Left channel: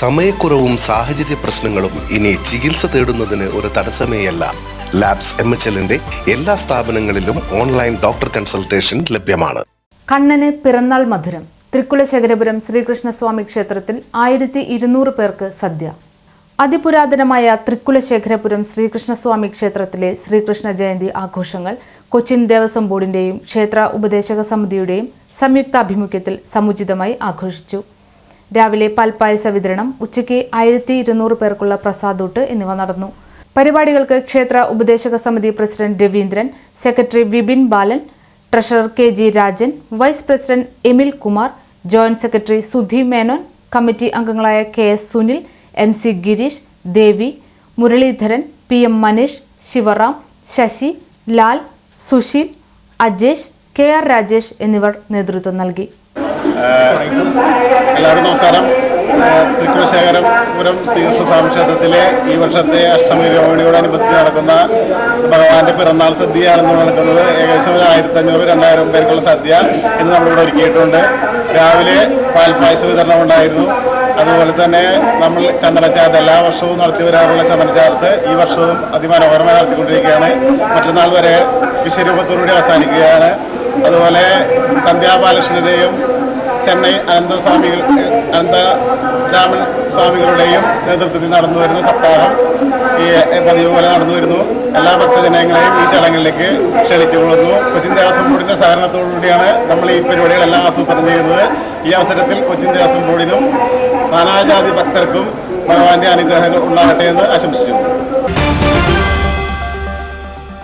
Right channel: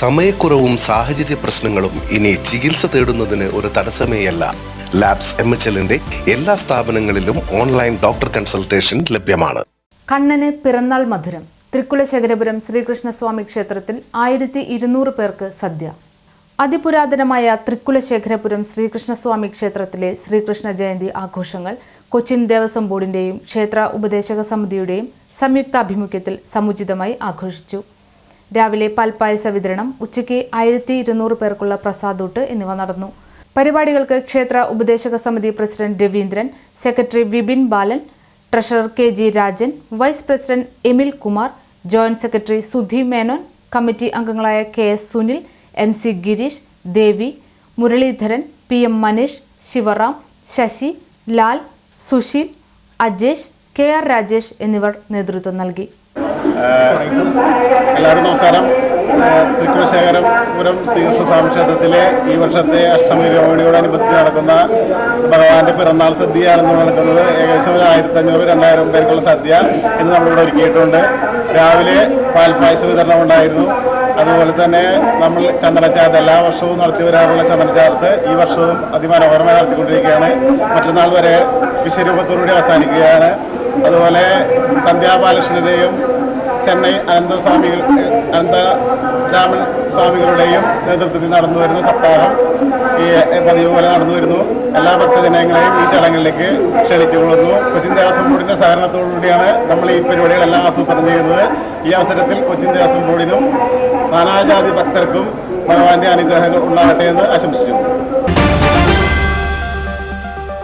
സമയക്കുറവും സാഹചര്യ പ്രശ്നങ്ങളും ഇനി ചികിത്സ തേടുന്നതിന് ഒരു തടസ്സമേയല്ല. ലാബ്സ് എം എച്ച് എല്ലിന്റെ എല്ലാ സ്ഥാപനങ്ങളിലും ഓൺലൈൻ ഡോക്ടർ കൺസൾട്ടേഷൻ ലഭ്യമാണ്. കണ്ണന് പിറന്നാൾ മധുരം തൃക്കുലശേഖരപുരം ശ്രീകൃഷ്ണസ്വാമി ക്ഷേത്രത്തിൽ ആയിരത്തി ഇരുന്നൂറ് പേർക്ക് സദ്യ. അതിപുരാതനമായ തൃക്കുലശേഖരപുരം ശ്രീകൃഷ്ണസ്വാമി ക്ഷേത്രത്തിലെ ശ്രീകൃഷ്ണ ജയന്തി ആഘോഷങ്ങൾ കൊച്ചിൻ ദേവസ്വം ബോർഡിന്റെയും ക്ഷേത്ര ഉപദേശക സമിതിയുടെയും സംയുക്താഭിമുഖ്യത്തിൽ സമുചിതമായി ആഘോഷിച്ചു. രാവിലെ പൽപ്പായസ വിതരണം ഉച്ചയ്ക്ക് ആയിരത്തി ഇരുന്നൂറ് പേർക്കുള്ള പ്രസാദൂട്ട് എന്നിവ നടന്നു. പരിപാടികൾക്ക് ക്ഷേത്ര ഉപദേശക സമിതി president Raveendran secretary Vipin Balan treasurer K G Rajan vice president Emil Kumar joint secretary Sudhi Menon committee അംഗങ്ങളായ K S Sunil M C Girish Devi Muraleedharan P M Manish Sivaram Sasi Lal Susheel Ajesh K R Rajesh എന്നിവർ നേതൃത്വം നൽകി. എല്ലാവർക്കും നമസ്കാരം. ഏഹ് തൃക്കുലശേഖരപുരം ശ്രീകൃഷ്ണ സ്വാമി ക്ഷേത്രത്തിലെ ഈ വർഷത്തെ അഷ്ടമി രോഹിണിയോടനുബന്ധിച്ച് നടക്കുന്ന ഭഗവാന്റെ പിറന്നാൾ സദ്യയാണ് ഇന്ന് നടക്കുന്നത് ഏകദേശം ഒരു ആയിരത്തി അഞ്ഞൂറ് രണ്ടായിരം പേർക്കുള്ള സദ്യ എന്ന് നമ്മളിവിടെ ഒരുക്കിയിട്ടുണ്ട്. രാവിലെ പാൽപ്പായസ വിതരണം ഉണ്ടായിരുന്നു. അതുപോലെ തന്നെ നമ്മൾ ചന്ദനച്ചാർത്ത് എല്ലാ വർഷവും നടത്തി വരാറുള്ള ചന്ദനച്ചാർത്ത് ഈ വർഷവും അതിമനോഹരമായി നടത്തിക്കൊണ്ടിരിക്കുകയാണ്. മറ്റന്നാൾ വരെ വിശ്വരൂപത്തോടുകൂടി അവസാനിക്കുകയാണ്. അതുപോലെ സന്ധ്യാബാലകൃഷ്ണന്റെയും ചെന്നൈ അനന്തസ്വാമികൾ അനന്ത രാമൻ സ്വാമികളുടെയും നേതൃത്വത്തിൽ നടന്നു വരുന്ന സപ്താഹം ഈ പതിവ് പോലെ നടന്നു വരുന്നു. എല്ലാ ഭക്തജനങ്ങളെയും ഈ ചടങ്ങിലേക്ക് ക്ഷണിച്ചുകൊള്ളുന്നു കൊച്ചിൻ ദേവസ്വം ബോർഡിന്റെ സഹകരണത്തോടുകൂടിയാണ് നമ്മൾ ഈ പരിപാടികളെല്ലാം ആസൂത്രണം ചെയ്യുന്നത്. ഈ അവസരത്തിൽ കൊച്ചിൻ ദേവസ്വം ബോർഡിനും നാനാജാതി ഭക്തർക്കും ഭഗവാന്റെ അനുഗ്രഹങ്ങൾ ഉണ്ടാകട്ടെ എന്ന് ആശംസിച്ചു